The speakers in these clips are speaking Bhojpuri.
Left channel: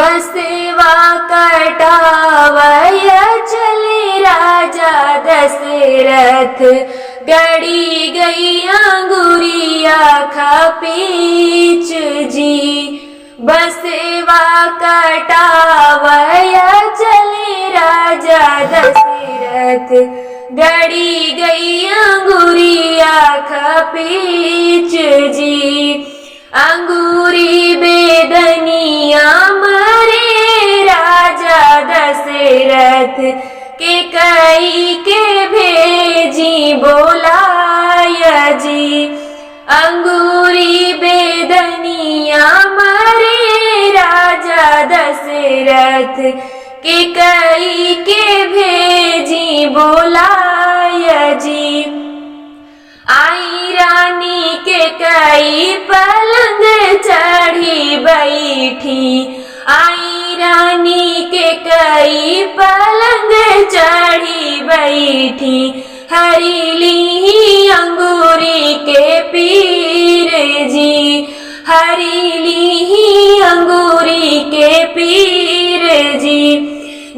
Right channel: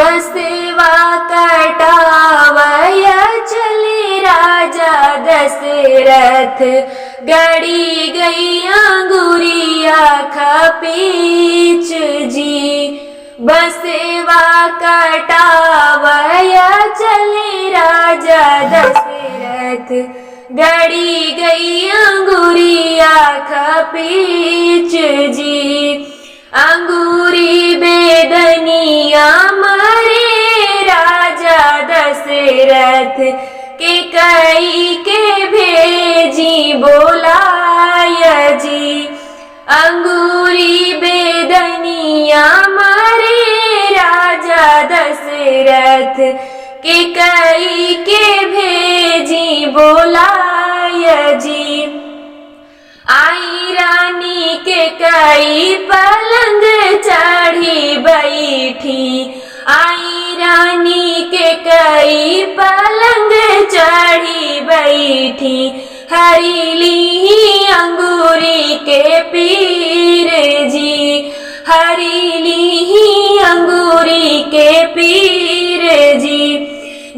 बसेवा कटावय चले राजा दशरथ, गड़ी गई अंगुरिया खपीच जी। बसेवा कटावय चले राजा दशरथ, गड़ी गई अंगुरिया खपीच जी। अंगूरी बेदनिया मरे राजा दशरथ, के कई के भेजी बोलाय जी। अंगूरी बेदनिया मरे राजा दशरथ, के कई के भेजी बोलाय जी। आई रानी के कई पलंग चढ़ी बैठी, आई रानी के कई पलंग चढ़ी बैठी। हरीली अंगूरी के पीर जी, हरीली अंगूरी के पीर जी।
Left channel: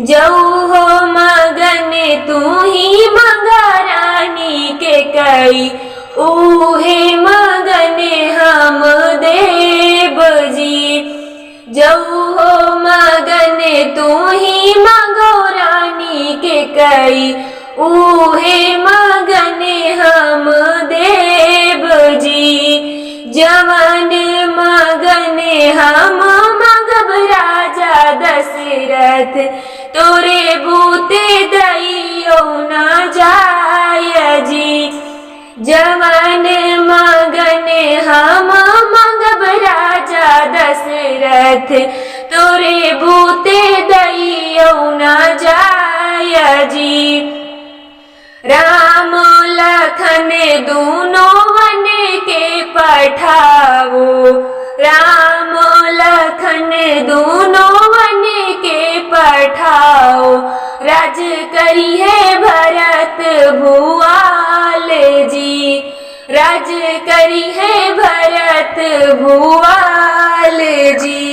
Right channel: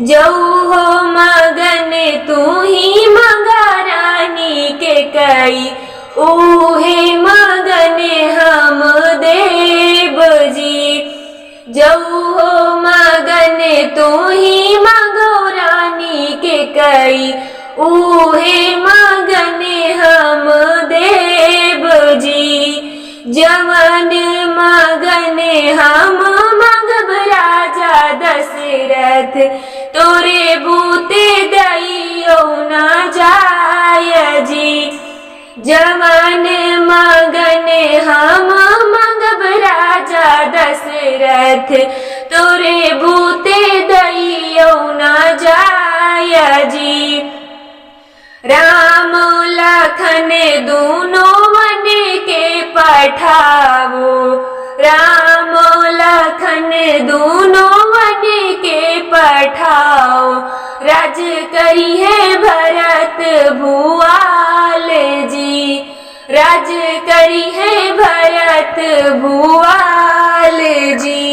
जऊ हो मगन तू ही मगा रानी के कई, ऊहे मगन हम देव जी। जऊ हो मगन तू ही मगो रानी के कई, ऊहे मगन हम देव जी। जवन मगन हम मगब राजा दशरथ, तोरे बूते दइयो न जाय जी। जवन मगन हम मगब राजा दशरथ, तोरे बूते दइयो न जाय जी। राम लखन दूनों वन के पठावो, राम लखन दूनों वन के पठाओ। राज करी है भरत भुआल जी, राज करी है भरत भुआल जी।